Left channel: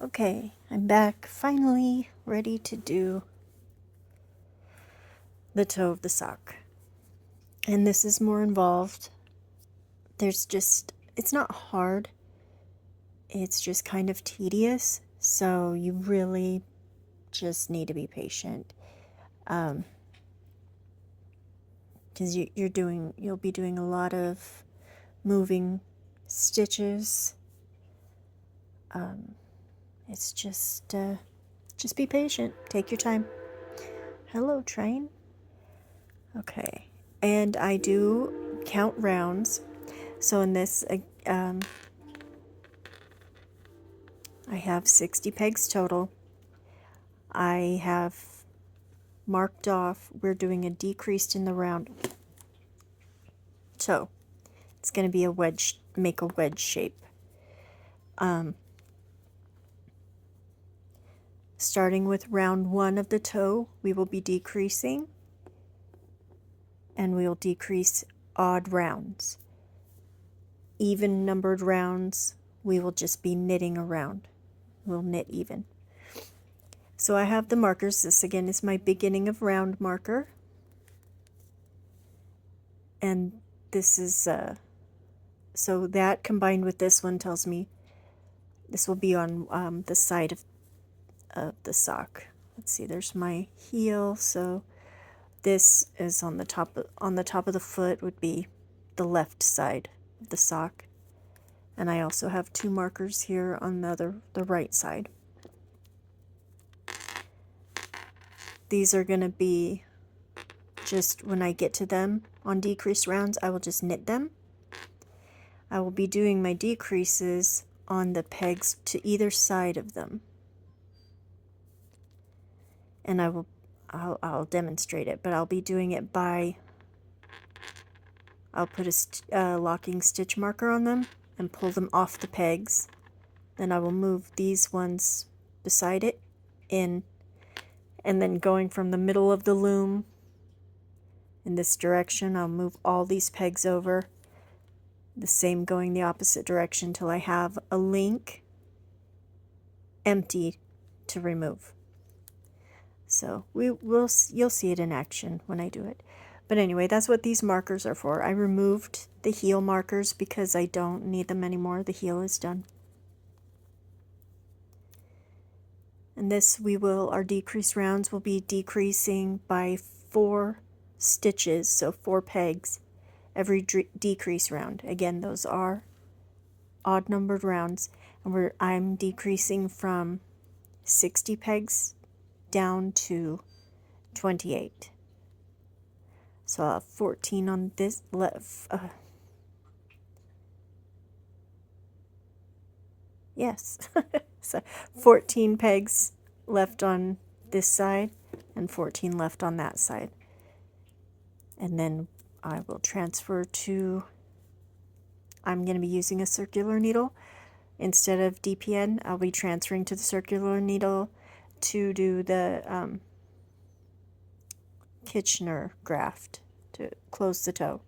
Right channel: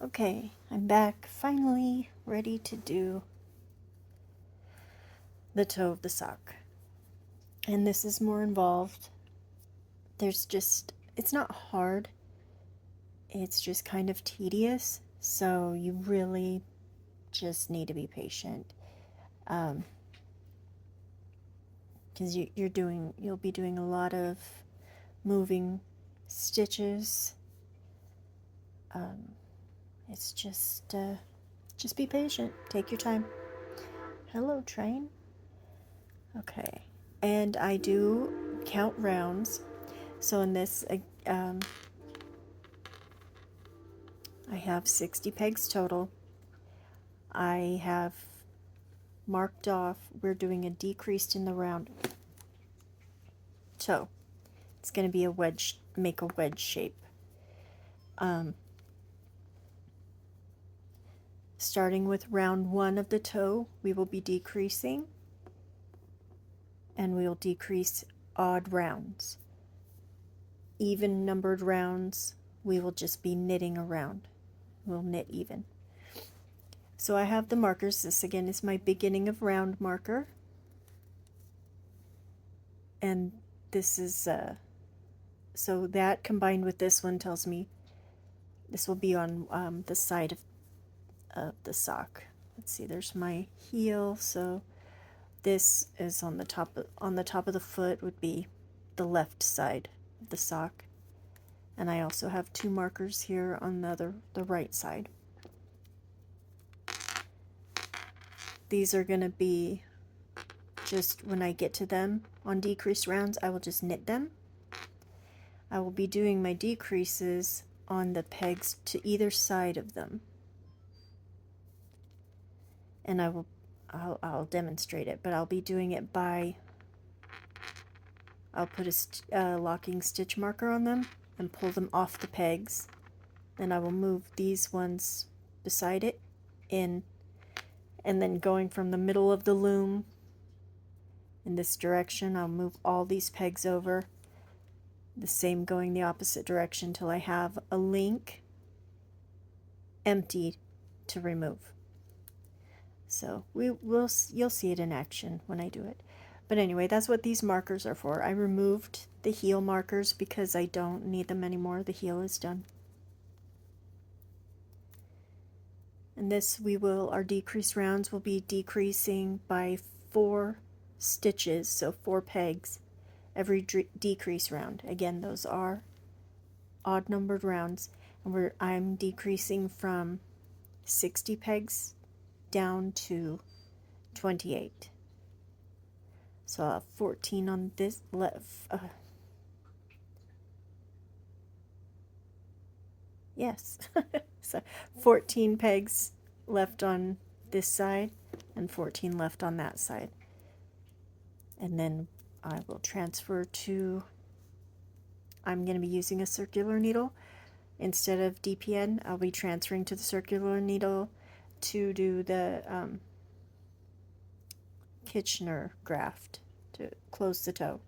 Okay, I'm back, finally ready to do the toe of the sock. And this is more involved. It's not hard, it's just kind of tedious, so you really just need to be patient. Because you'll be doing a lot of moving stitches. It's just be patient. Take your time. Hello, train. Okay, and I do count rounds. So in this, I have 60 pegs total. I have marked off, we're doing a decreased in the round. So it's going to be a wedge, make a wedge shape. Starting with round 1 of the toe, we will be decreasing, and we will decrease odd rounds. Even numbered rounds, we will just be knitting around. We'll knit even. So I have the markers. This again is my beginning of round marker. And this is, so that combined with this one tells me this will be on the side of the sock. Let's see, there's my heel, so this is on the top of the foot would be the left side of the sock. And I also have 2 markers here on the right side. These are going to be just when I get to them on decreased rounds, I will just knit them. I will be doing my decreases on the pegs to either side of them. And I'll demonstrate it, but I'll be doing it by, I'll put a locking stitch marker on them and pull them off the pegs. Then I will move these ones beside it in, and then going from the middle of the loom in this direction, I'll move all these pegs over. The same going the opposite direction till I have a link empty to remove. So you'll see it in action when I do it. But anyway, that's what these markers are for. I removed the heel markers because I don't need them anymore. The heel is done. And this our decrease rounds will be decreasing by 4 stitches, so 4 pegs every decrease round. Again, those are odd numbered rounds, and I'm decreasing from 60 pegs down to 28. So I'll have 14 on this left. Yes, so 14 pegs left on this side and 14 left on that side. And then I will transfer to, I'm going to be using a circular needle. Instead of DPN, I'll be transferring to the circular needle to do the Kitchener graft to close the toe.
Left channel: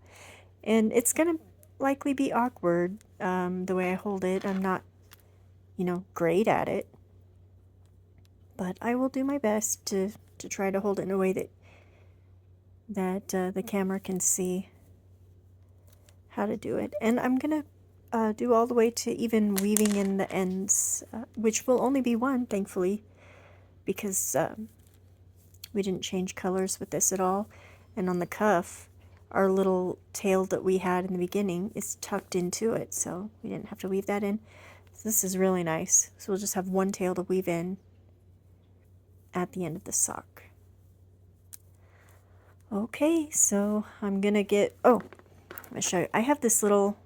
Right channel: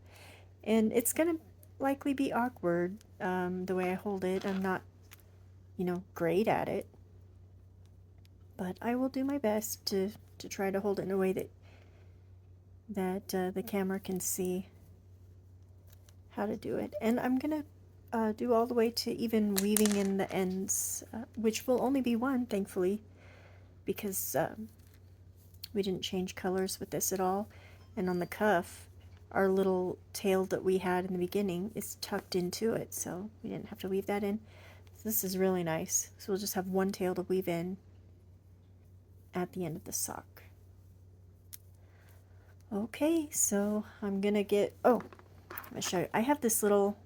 And it's going to likely be awkward the way I hold it. I'm not, great at it. But I will do my best to try to hold it in a way that the camera can see how to do it. And I'm going to do all the way to even weaving in the ends, which will only be 1, thankfully, because we didn't change colors with this at all. And on the cuff, our little tail that we had in the beginning is tucked into it, so we didn't have to weave that in. So this is really nice. So we'll just have 1 tail to weave in at the end of the sock. Okay, so I'm gonna get, I'm gonna show you. I have this little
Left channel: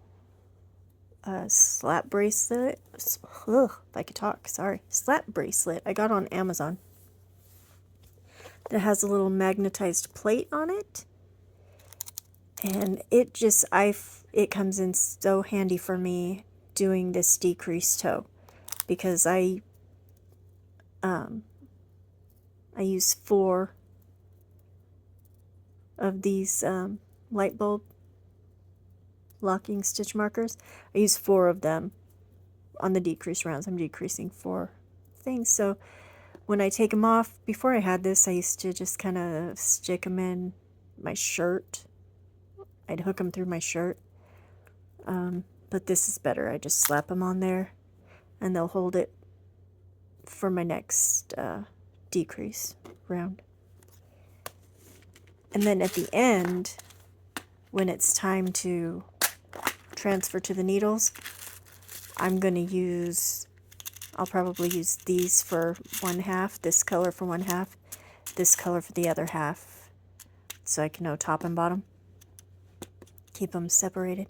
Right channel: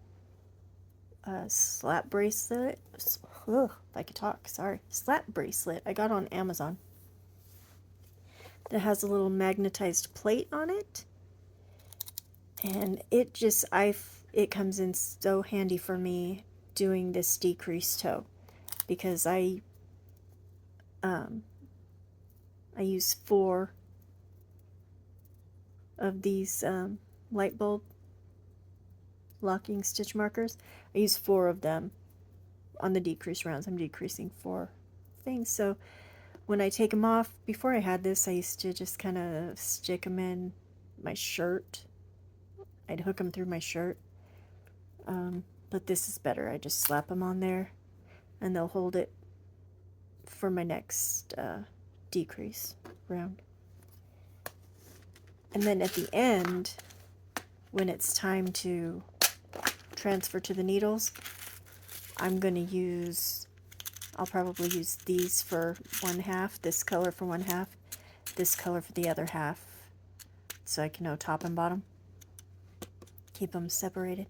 slap bracelet. Ugh, if I could talk, sorry. Slap bracelet I got on Amazon. That has a little magnetized plate on it. And it comes in so handy for me doing this decreased toe, because I use 4 of these light bulb locking stitch markers. I use 4 of them on the decrease rounds. I'm decreasing 4 things. So when I take them off, before I had this, I used to just kind of stick them in my shirt. I'd hook them through my shirt. But this is better. I just slap them on there and they'll hold it for my next decrease round. And then at the end, when it's time to transfer to the needles, I'm going to use, I'll probably use these for one half, this color for one half, this color for the other half, so I can know top and bottom. Keep them separated.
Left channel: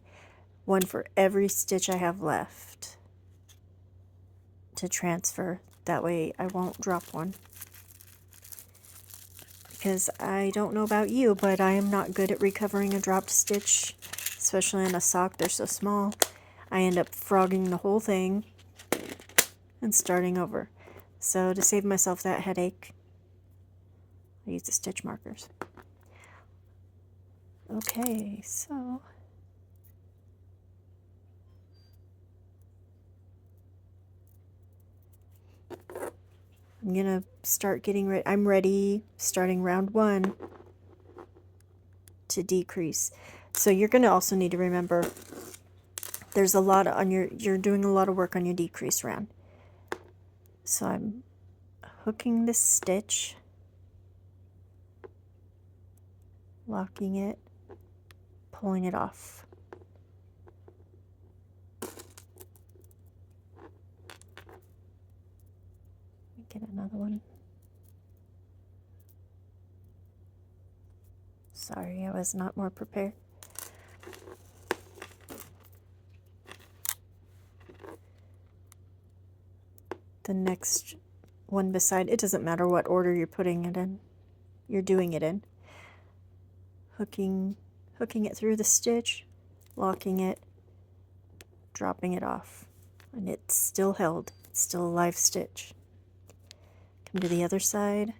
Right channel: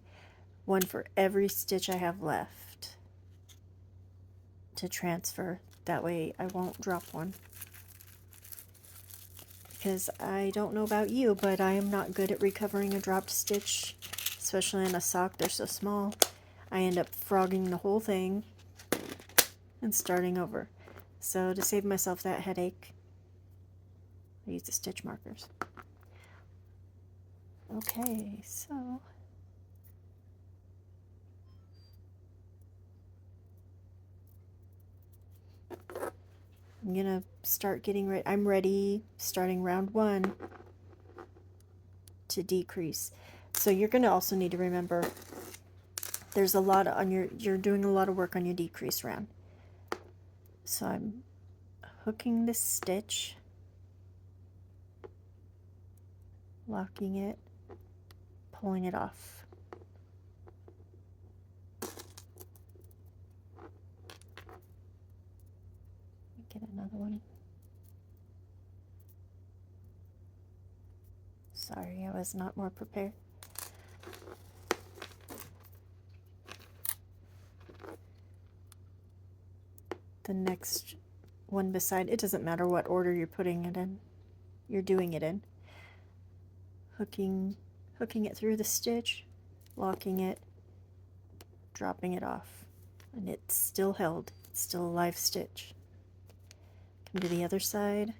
One for every stitch I have left to transfer. That way I won't drop one. Because I don't know about you, but I am not good at recovering a dropped stitch, especially in a sock. They're so small. I end up frogging the whole thing and starting over. So to save myself that headache, I use the stitch markers. Okay, so I'm gonna start getting ready. I'm ready, starting round 1 to decrease. So you're gonna also need to remember there's a lot on you're doing a lot of work on your decrease round. So I'm hooking this stitch, locking it, pulling it off. Get another one. Sorry, I was not more prepared. The next one beside, it doesn't matter what order you're putting it in, you're doing it in. Hooking it through the stitch, locking it, dropping it off, and it's still held. It's still a live stitch. Come to the other side.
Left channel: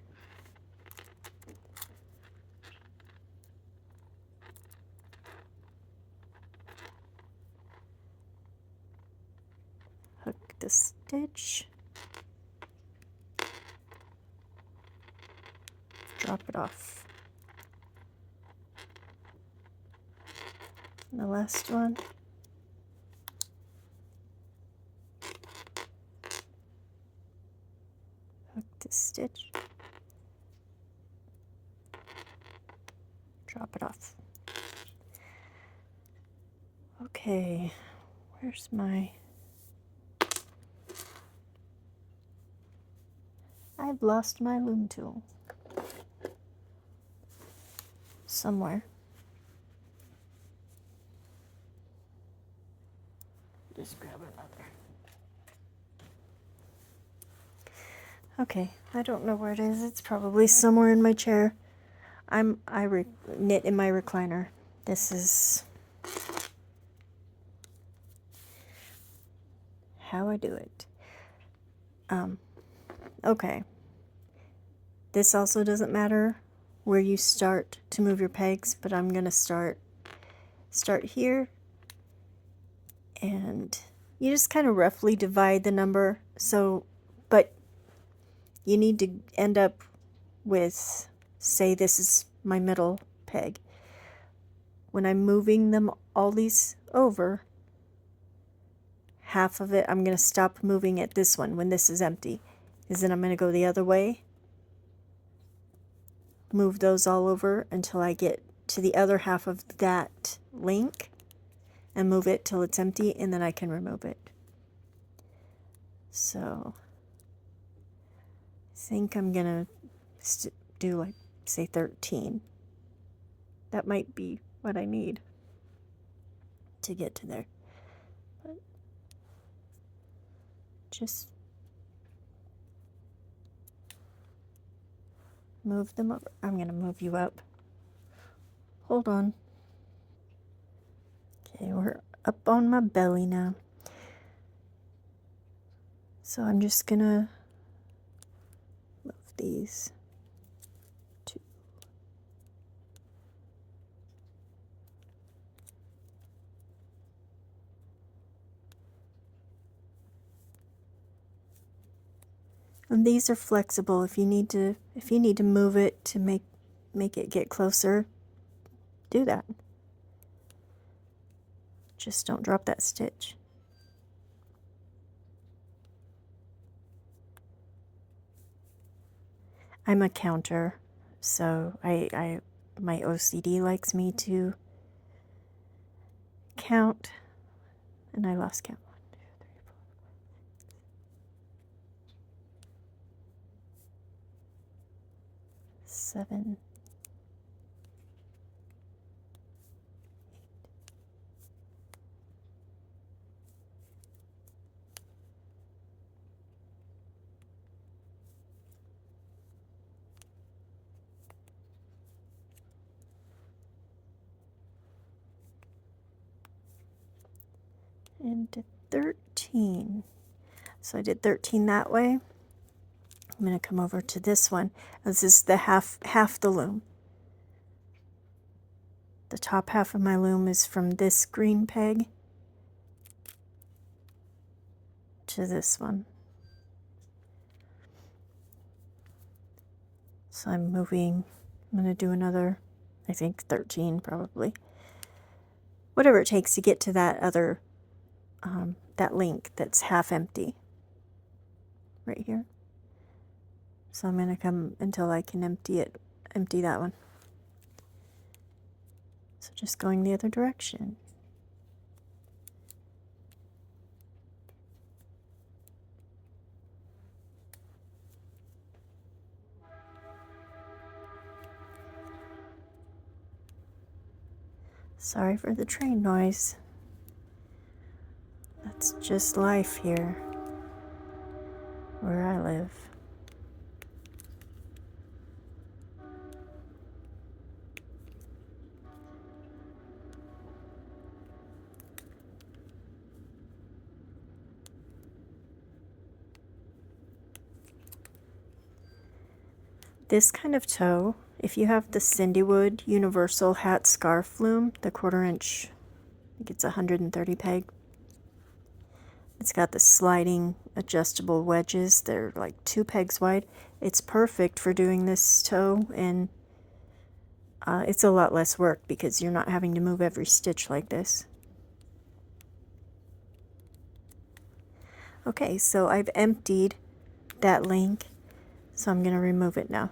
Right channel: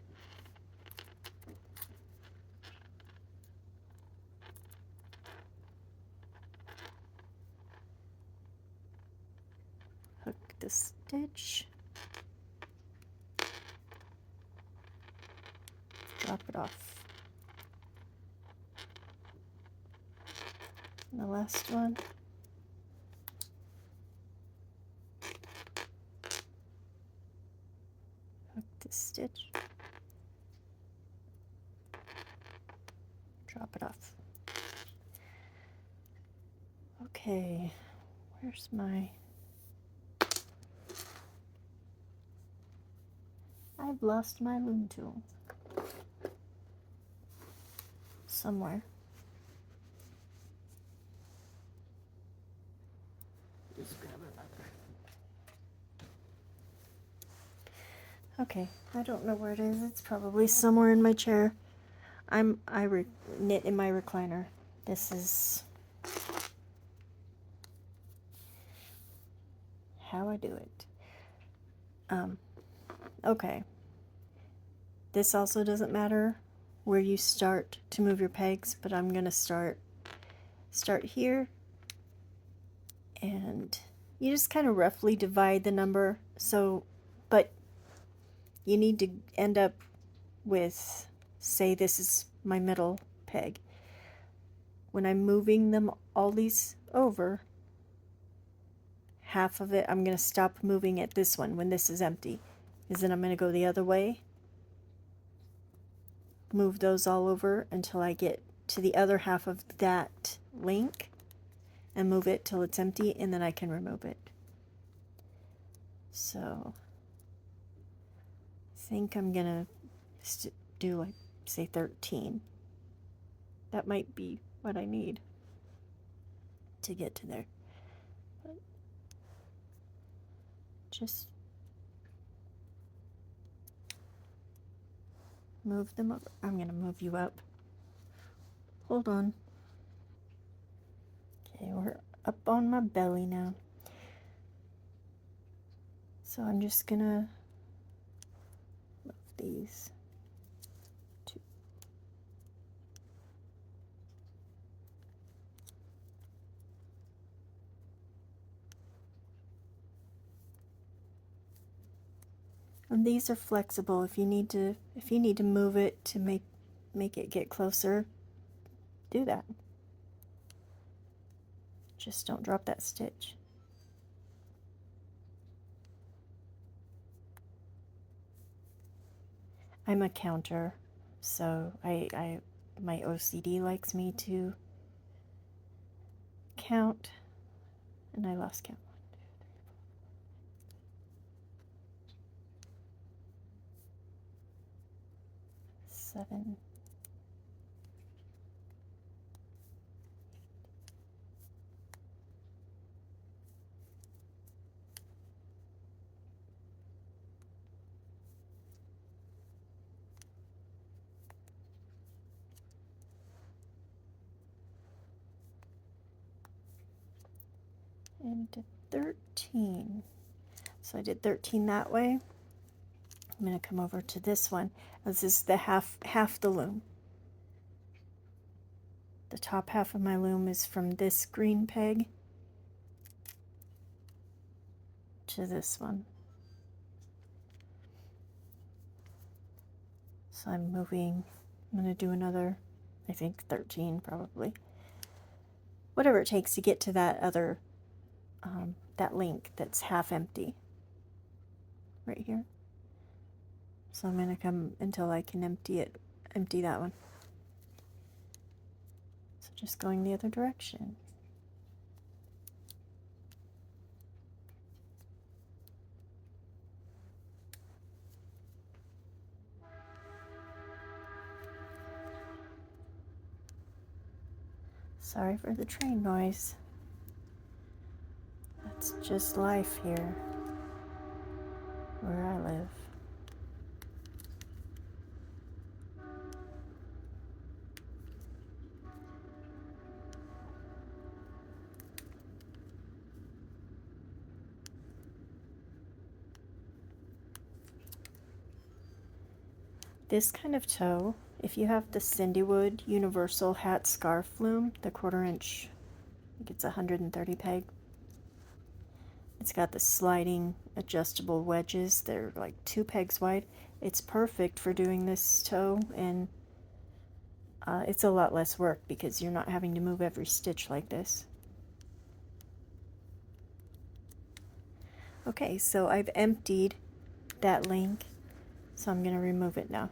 Hook the stitch. Drop it off. And the last one. Hook the stitch. Drop it off. Okay, where's my... I've lost my loom tool. Somewhere. Just grab it, mother. Okay, I don't know where it is. It's probably somewhere in my chair. I knit in my recliner. This is how I do it. Okay. This also doesn't matter where you start to move your pegs, but I'm gonna start here, and you just kind of roughly divide the number. So, but you need to end up with, say this is my middle peg. When I'm moving them all these over, half of it, I'm going to stop moving at this one when this is empty, because then I'm going to go the other way, move those all over until I get to the other half of that link, and move it till it's empty, and then I can remove it. So I think I'm going to do, like, say 13. That might be what I need to get to there. But just move them over. I'm going to move you up. Hold on. Okay, we're up on my belly now. So I'm just going to move these two. And these are flexible. If you need to move it to make it get closer, do that. Just don't drop that stitch. I'm a counter, so my OCD likes me to count, and I lost count. 1, 2, 3, 4, 5, 6, 7. And 13. So I did 13 that way. I'm going to come over to this one. This is the half the loom. The top half of my loom is from this green peg to this one. So I'm going to do another, I think 13 probably. Whatever it takes to get to that other, that link that's half empty. Right here. So I'm going to come until I can empty that one. So just going the other direction. Sorry for the train noise. That's just life here, where I live. This kind of toe, if you have the Cindywood Universal Hat Scarf Loom, the 1/4 inch, I think it's 130 peg. It's got the sliding adjustable wedges. They're like 2 pegs wide. It's perfect for doing this toe, and it's a lot less work because you're not having to move every stitch like this. Okay, so I've emptied that link, so I'm going to remove it now.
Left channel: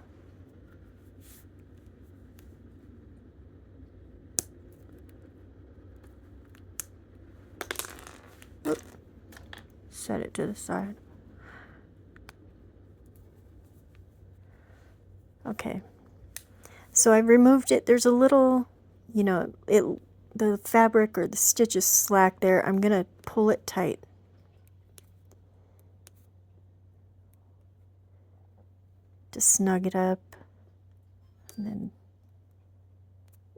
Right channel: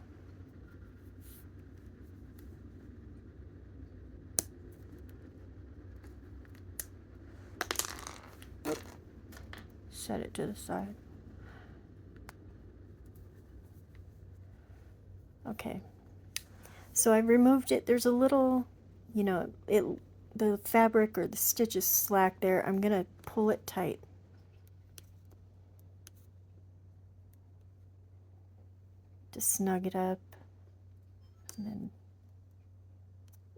Oh, set it to the side. Okay, so I've removed it. There's a little, the fabric or the stitch is slack there. I'm going to pull it tight. To snug it up, and then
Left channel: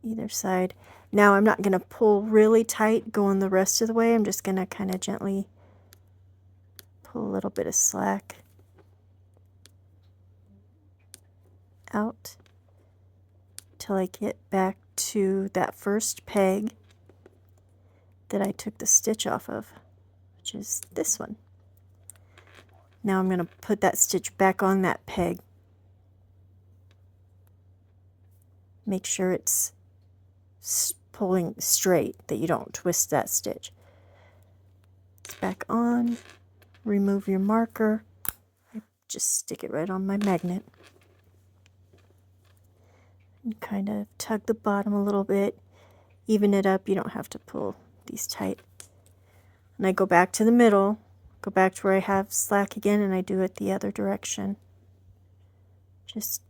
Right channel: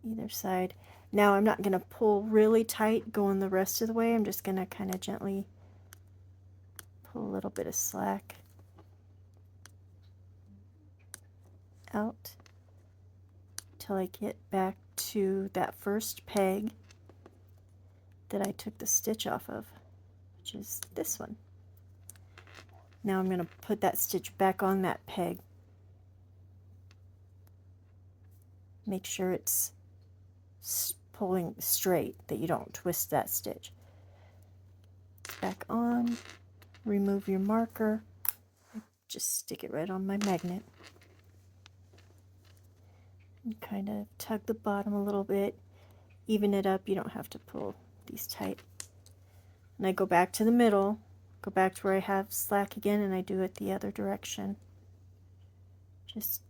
either side. Now I'm not going to pull really tight going the rest of the way. I'm just going to kind of gently pull a little bit of slack out till I get back to that first peg that I took the stitch off of, which is this one. Now I'm going to put that stitch back on that peg. Make sure it's pulling straight, that you don't twist that stitch. Back on, remove your marker, just stick it right on my magnet. And kind of tug the bottom a little bit, even it up. You don't have to pull these tight. And I go back to the middle, go back to where I have slack again, and I do it the other direction. Just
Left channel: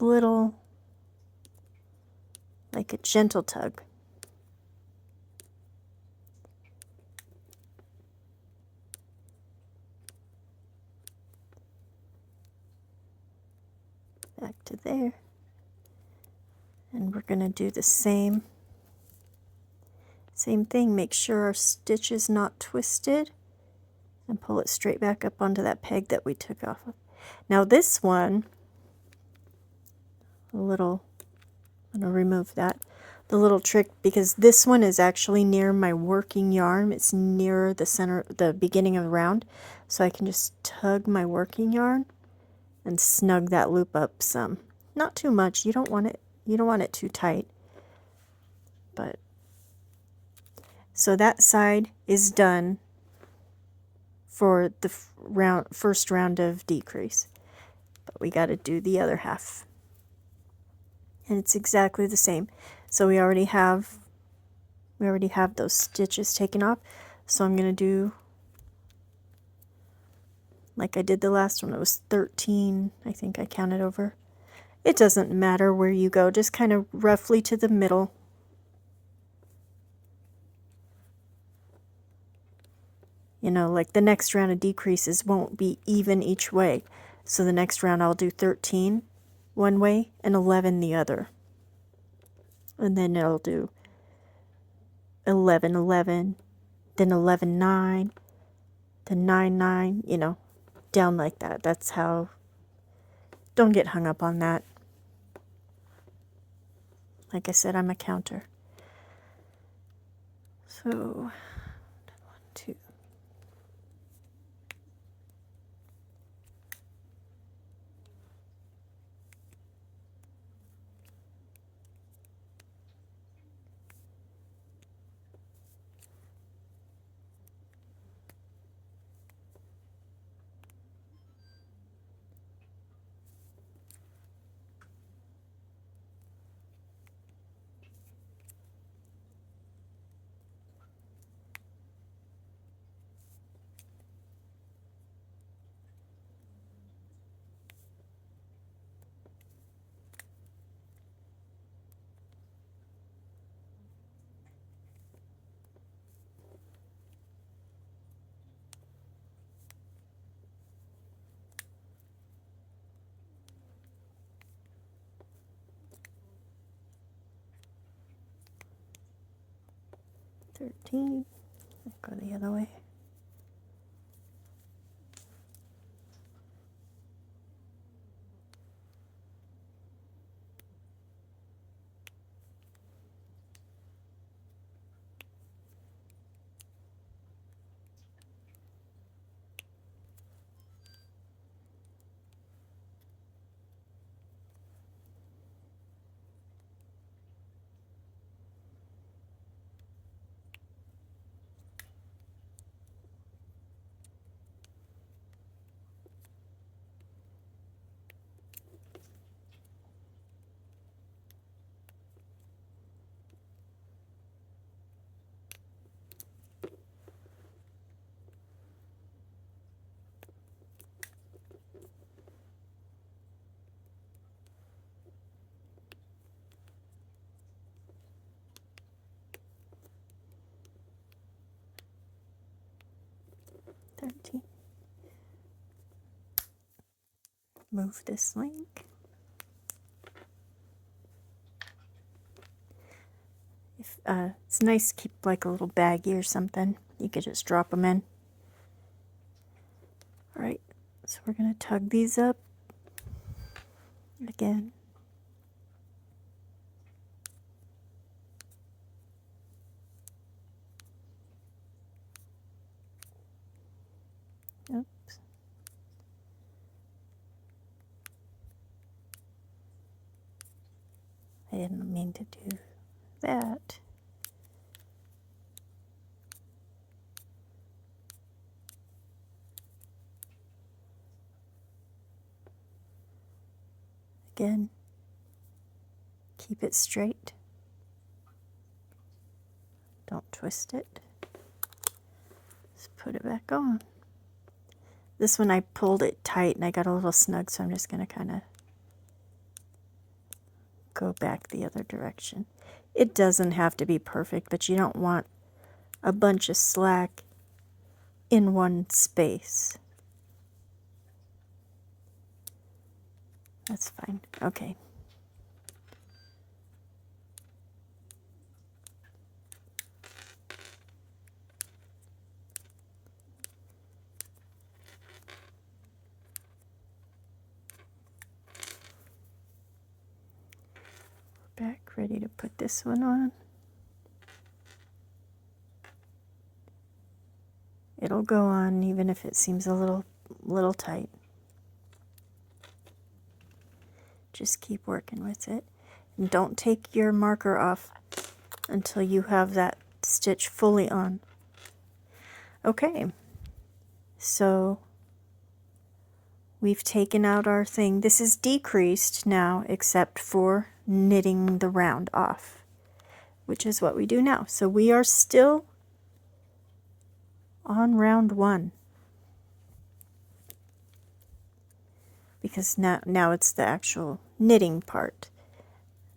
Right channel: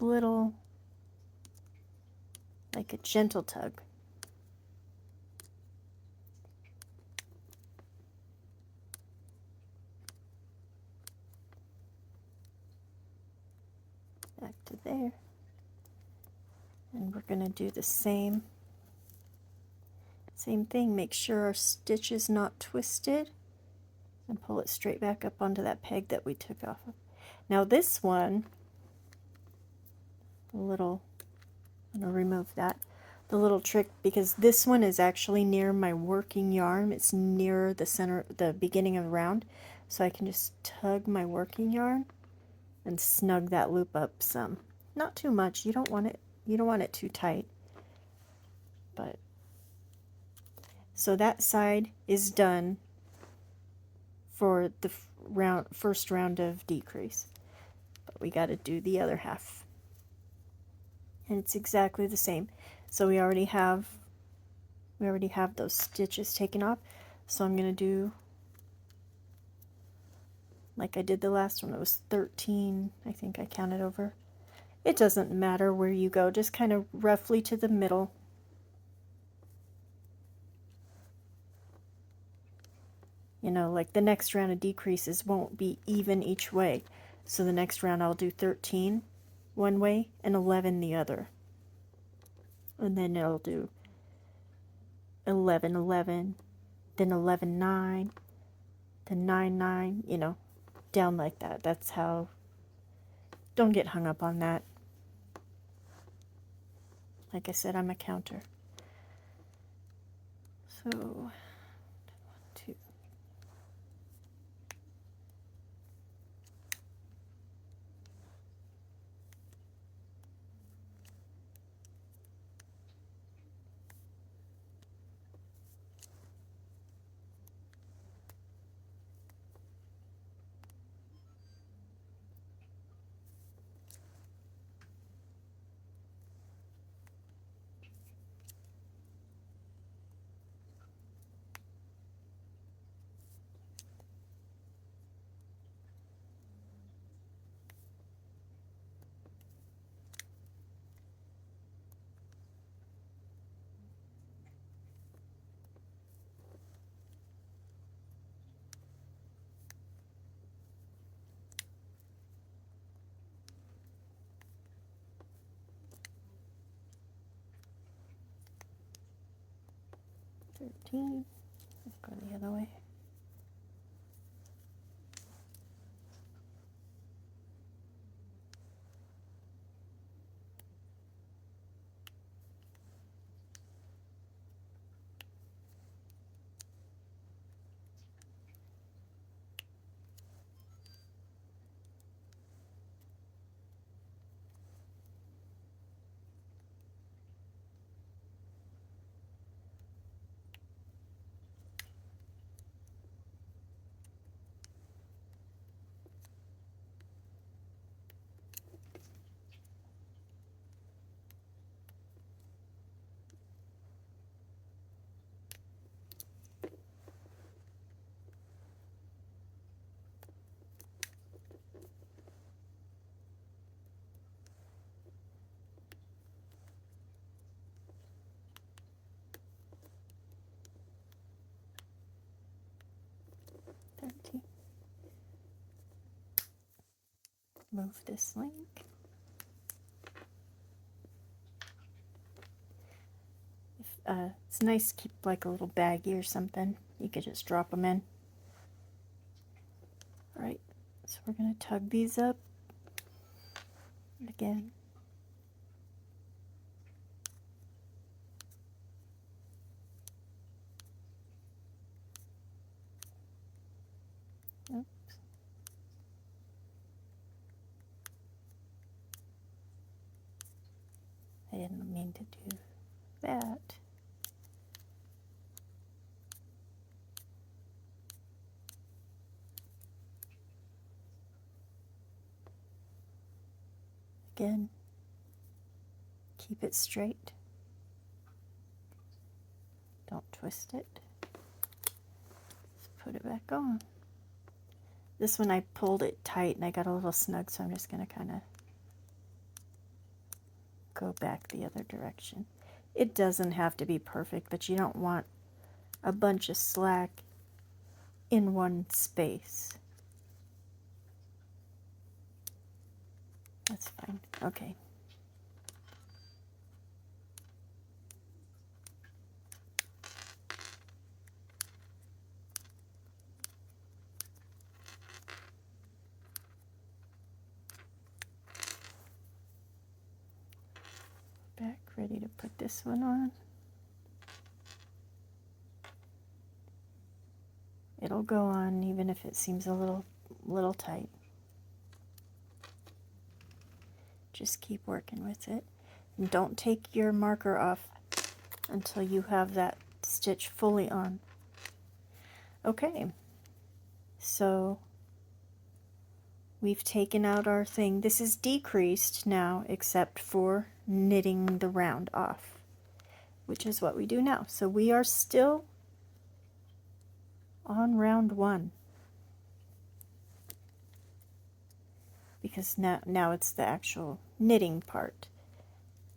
little, like a gentle tug. Back to there. And we're going to do the same thing. Make sure our stitch is not twisted and pull it straight back up onto that peg that we took off of. Now this one, I'm going to remove that. The little trick, because this one is actually near my working yarn. It's near the center, the beginning of the round. so I can just tug my working yarn and snug that loop up some. Not too much. You don't want it too tight. But so that side is done for the first round of decrease. But we got to do the other half. And it's exactly the same. So we already have those stitches taken off. So I'm going to do like I did the last one. It was 13, I think I counted over. It doesn't matter where you go, just kind of roughly to the middle. You know, like the next round of decreases won't be even each way. So the next round I'll do 13 one way and 11 the other. And then I'll do 11, 11, then 11, 9, then 9, 9, you know, down like that. That's how, don't get hung up on that. Like I said, I'm a counter. So, 1, 2. I'll go the other way. Move this link. It's nice to keep like a little baggie or something. You could just drop them in. Alright, so we're going to tug these up again. Oops. I didn't mean to do that. Again, keep it straight. Don't twist it. Just put it back on. This one I pulled it tight and I got a little snug, so I'm just going to kind of go back the other direction. It doesn't have to be perfect, but you don't want a bunch of slack in one space. That's fine. Okay. Back, ready to put this one on. It'll It'll go on even if it seems a little tight. Just keep working with it. And don't take your marker off until you have that stitch fully on. Okay, so we've taken out our thing. This is decreased now except for knitting the round off, which is what we do now. So we are still on round 1 because now it's the actual knitting part.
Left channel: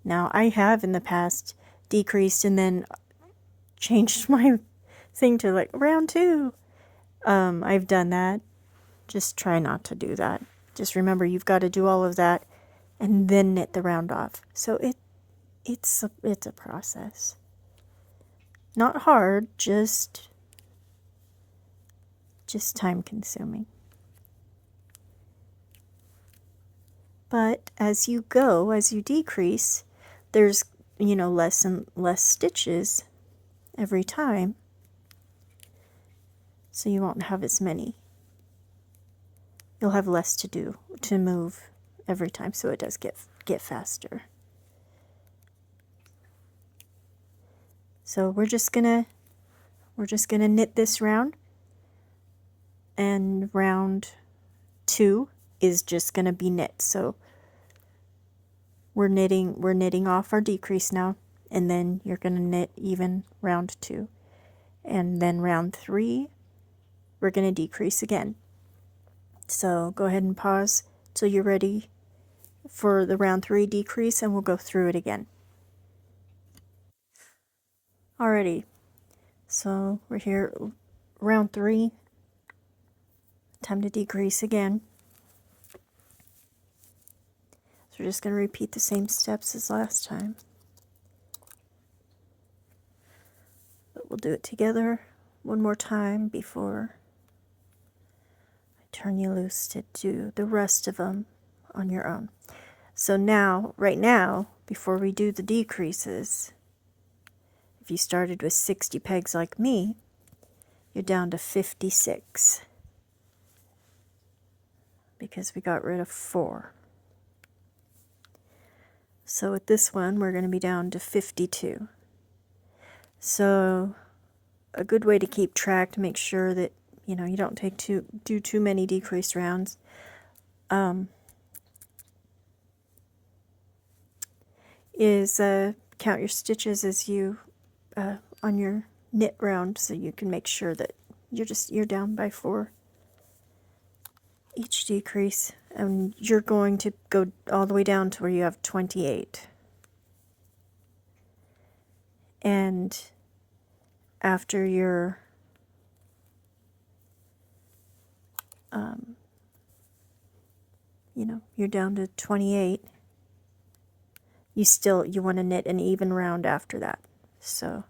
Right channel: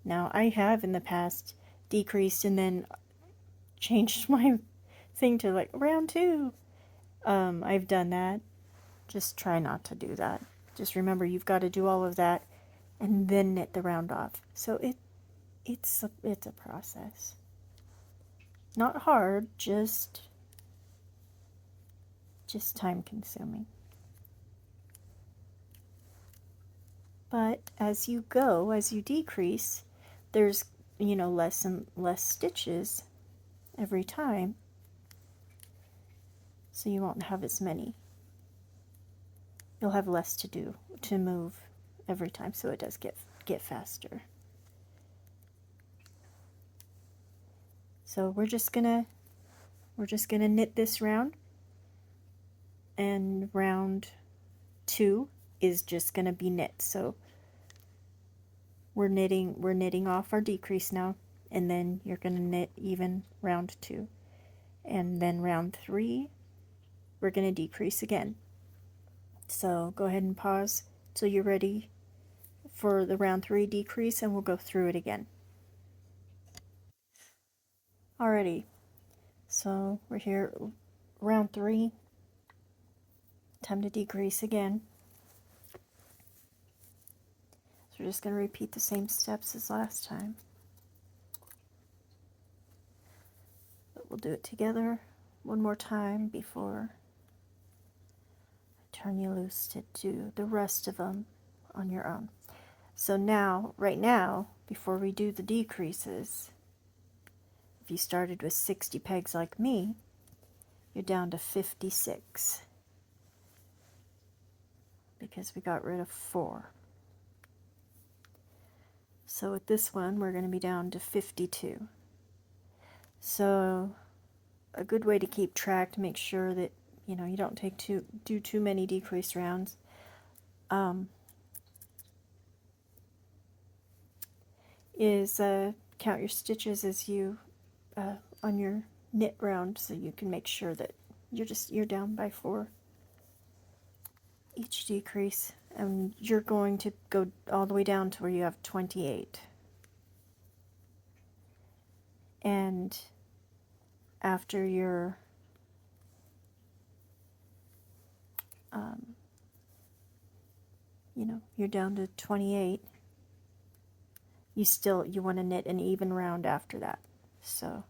Now I have in the past decreased and then changed my thing to like round 2. I've done that. Just try not to do that. Just remember you've got to do all of that and then knit the round off. So it's a process. Not hard, just time consuming. But as you go, as you decrease, there's, you know, less and less stitches every time. So you won't have as many. You'll have less to do, to move every time, so it does get faster. So we're just gonna knit this round, and round 2 is just gonna be knit. So we're knitting off our decrease now, and then you're gonna knit even round 2, and then round 3 we're gonna decrease again. So go ahead and pause till you're ready for the round 3 decrease, and we'll go through it again. Alrighty, so we're here, round 3, time to decrease again. So we're just going to repeat the same steps as last time. But we'll do it together one more time before I turn you loose to do the rest of them on your own. So now, right now, before we do the decreases, if you started with 60 pegs like me, you're down to 56 because we got rid of 4. So with this one, we're going to be down to 52. So a good way to keep track to make sure that, you know, you don't do too many decrease rounds, is count your stitches as you on your knit round, so you can make sure that you're down by 4 each decrease, and you're going to go all the way down to where you have 28. And after your you know, you're down to 28, you want to knit an even round after that. So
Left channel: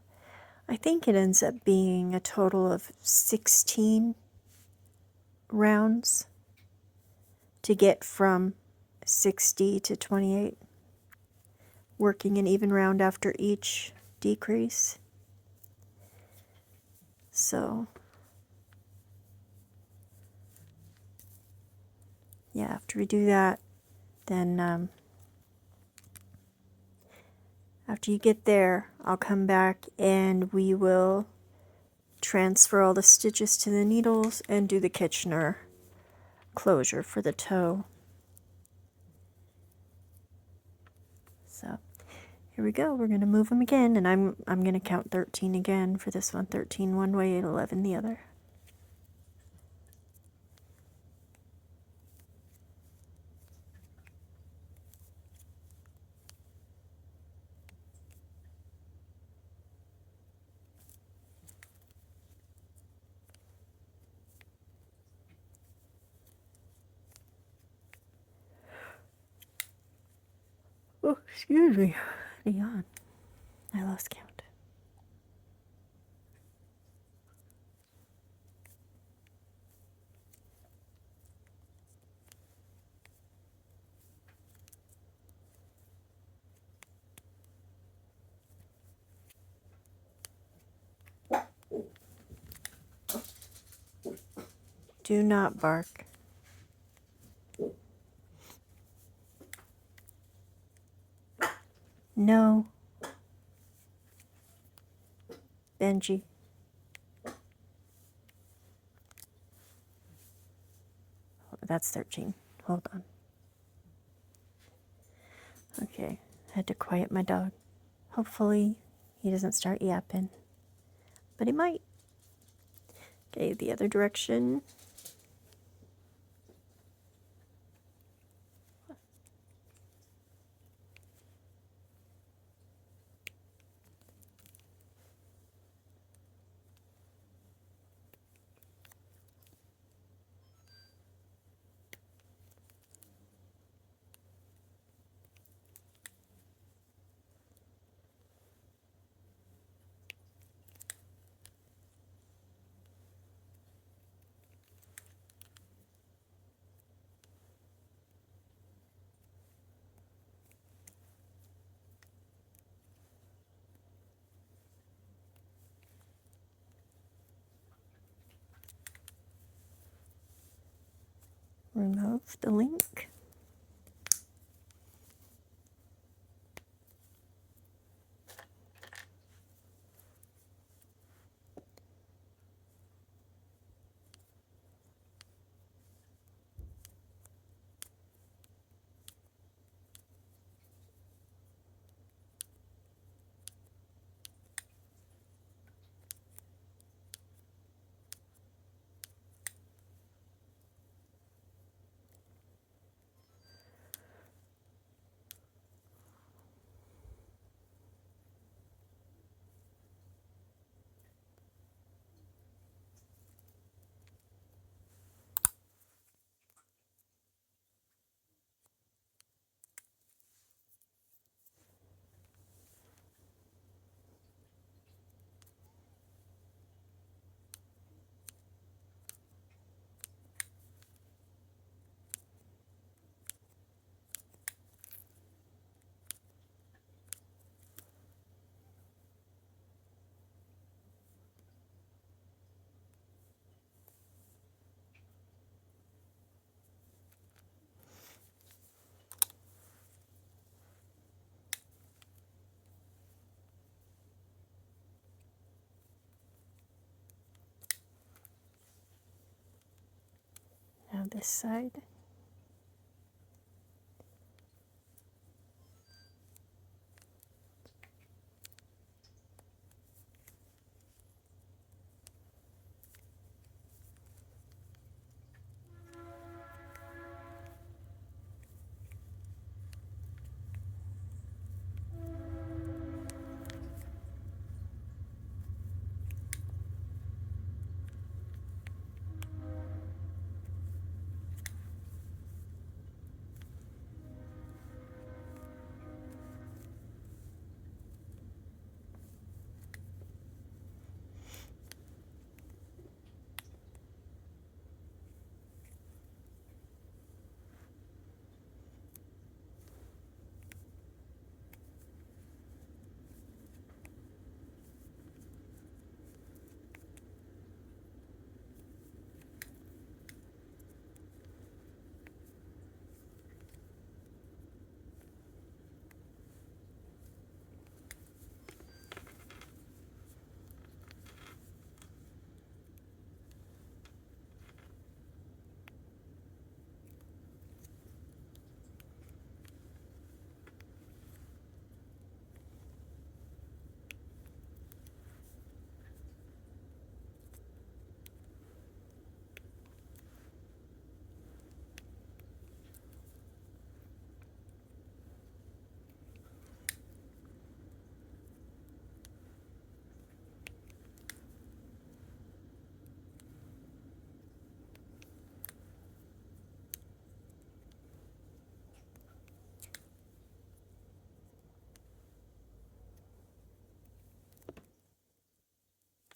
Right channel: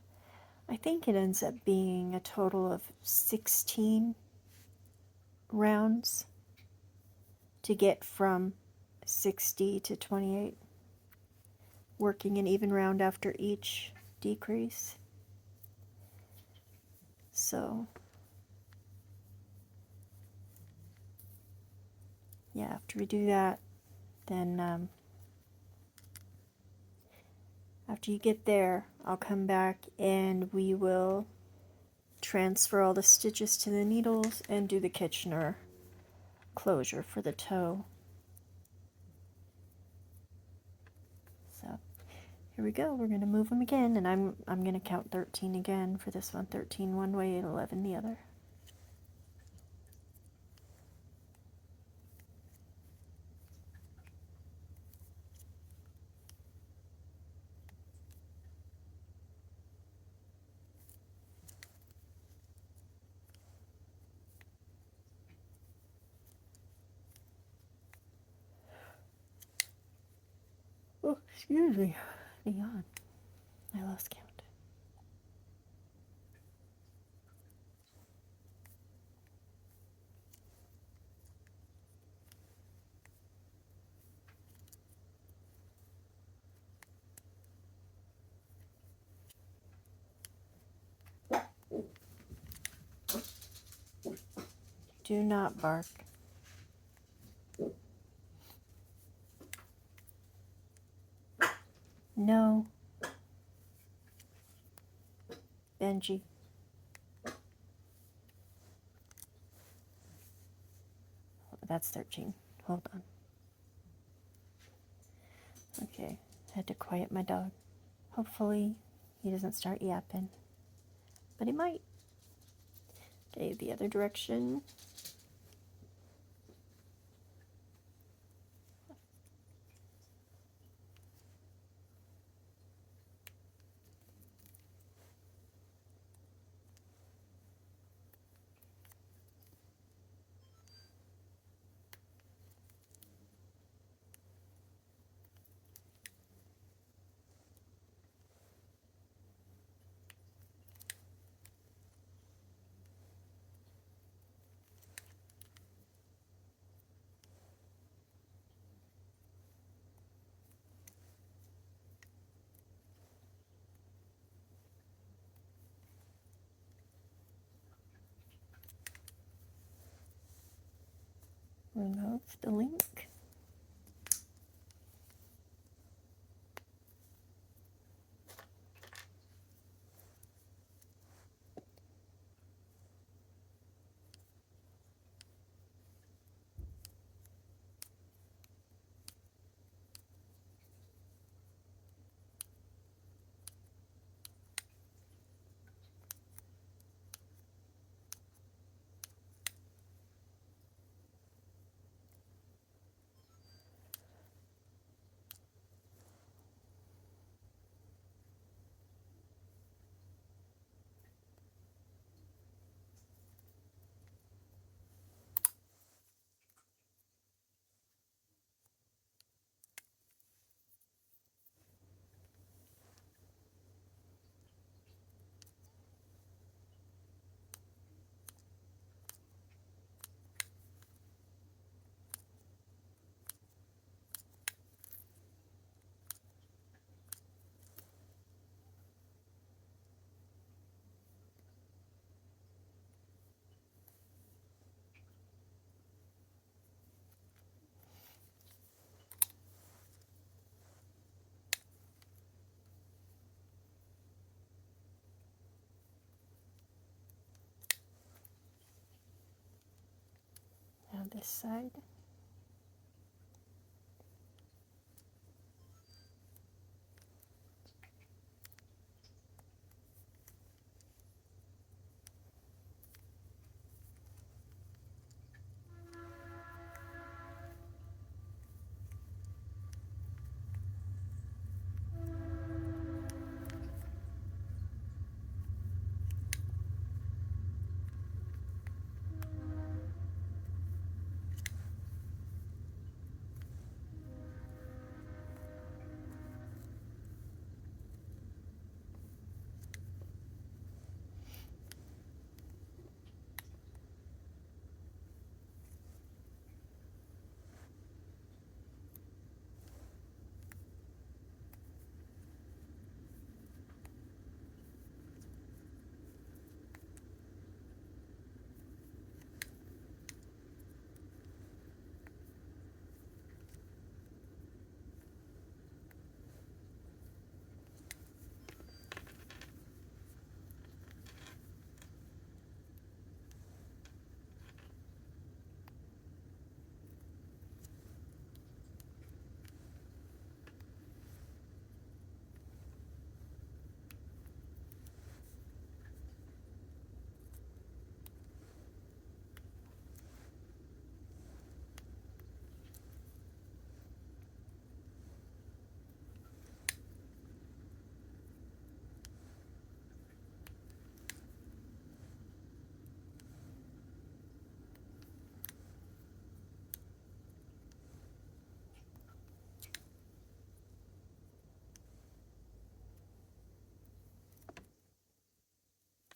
I think it ends up being a total of 16 rounds to get from 60 to 28, working an even round after each decrease. So yeah, after we do that, then after you get there, I'll come back and we will transfer all the stitches to the needles and do the Kitchener closure for the toe. So here we go. We're going to move them again, and I'm going to count 13 again for this one. 13 one way and 11 the other. Oh, excuse me. Hang on. I lost count. Do not bark. No. Benji. Oh, that's 13. Hold on. Okay, I had to quiet my dog. Hopefully he doesn't start yapping, but he might. Okay, the other direction. Remove the link. Now this side.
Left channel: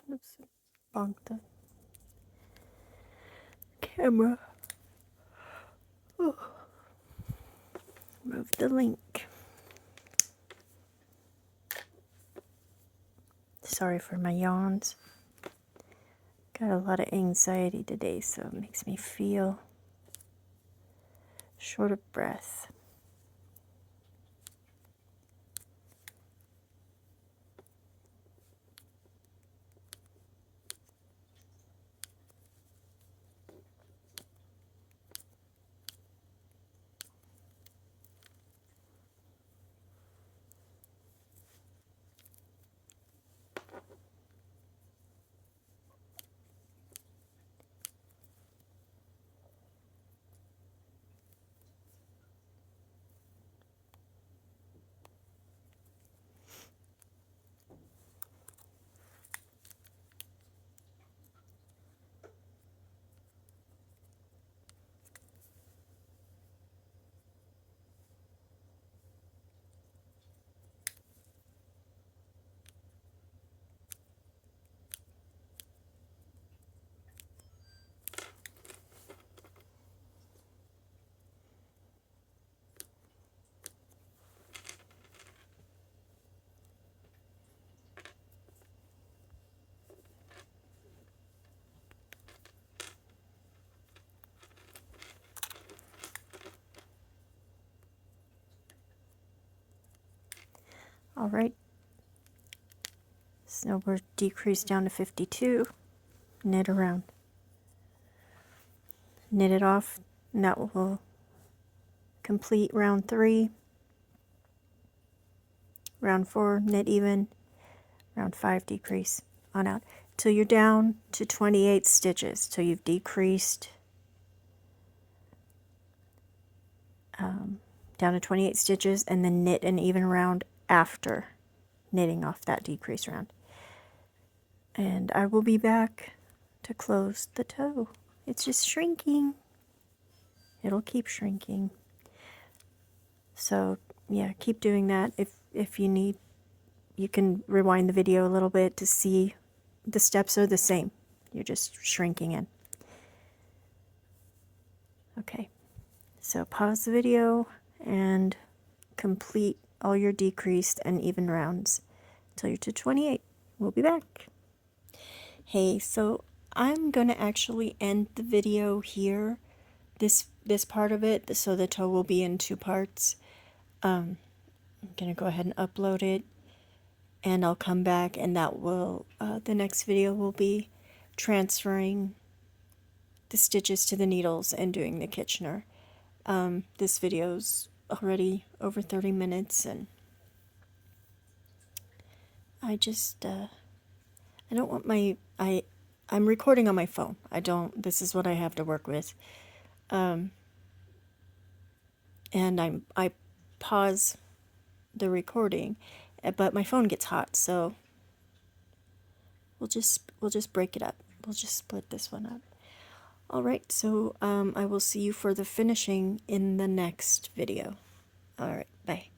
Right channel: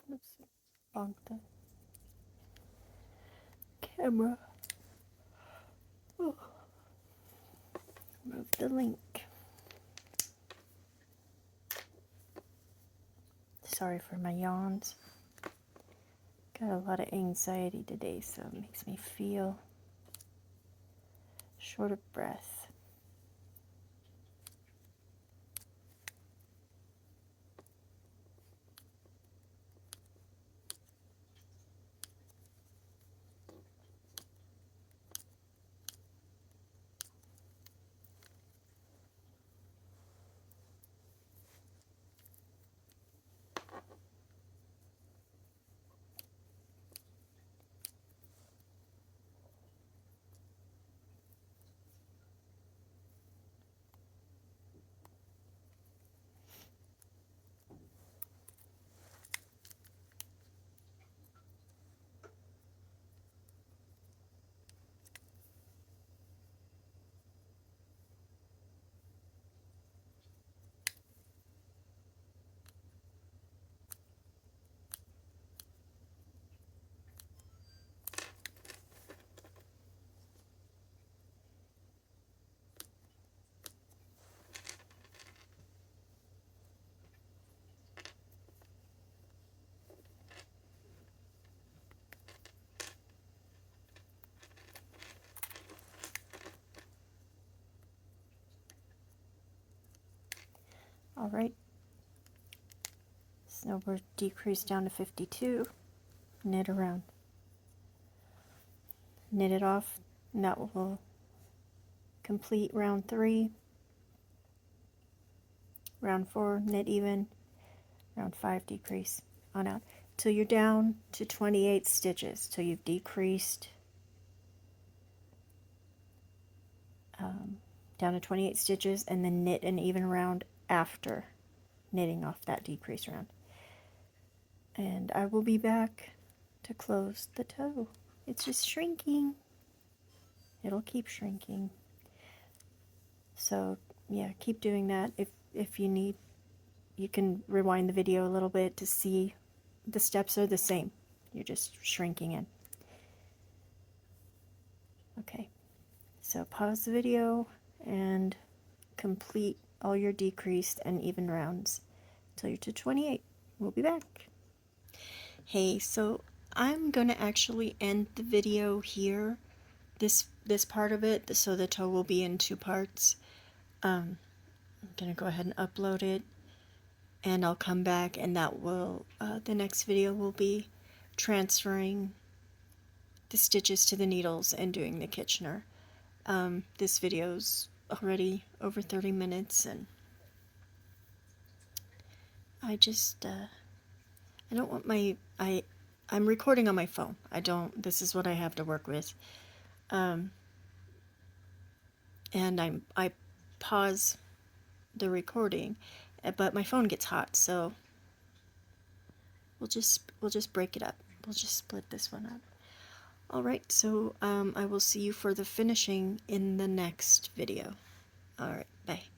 Oops, bonked the camera. Oh. Remove the link. Sorry for my yawns. Got a lot of anxiety today, so it makes me feel short of breath. All right, so we're decreased down to 52. Knit around. Knit it off, and that will complete round 3. Round 4, knit even. Round 5, decrease on out till you're down to 28 stitches, till you've decreased down to 28 stitches, and then knit an even round after knitting off that decrease round. And I will be back to close the toe. It's just shrinking. It'll keep shrinking. So yeah, keep doing that. If you need, you can rewind the video a little bit to see the steps are the same. You're just shrinking in. Okay, so pause the video and complete all your decreased and even rounds till you're to 28. We'll be back. Hey, so I'm gonna actually end the video here, this part of it, so the toe will be in 2 parts. I'm gonna go ahead and upload it, and I'll come back, and that will the next video will be transferring the stitches to the needles and doing the Kitchener. This video's already over 30 minutes, and I just I don't want I'm recording on my phone. This is what I have to work with. And I pause the recording, but my phone gets hot, so we'll just break it up. We'll just split this one up. All right, so I will see you for the finishing in the next video. All right, bye.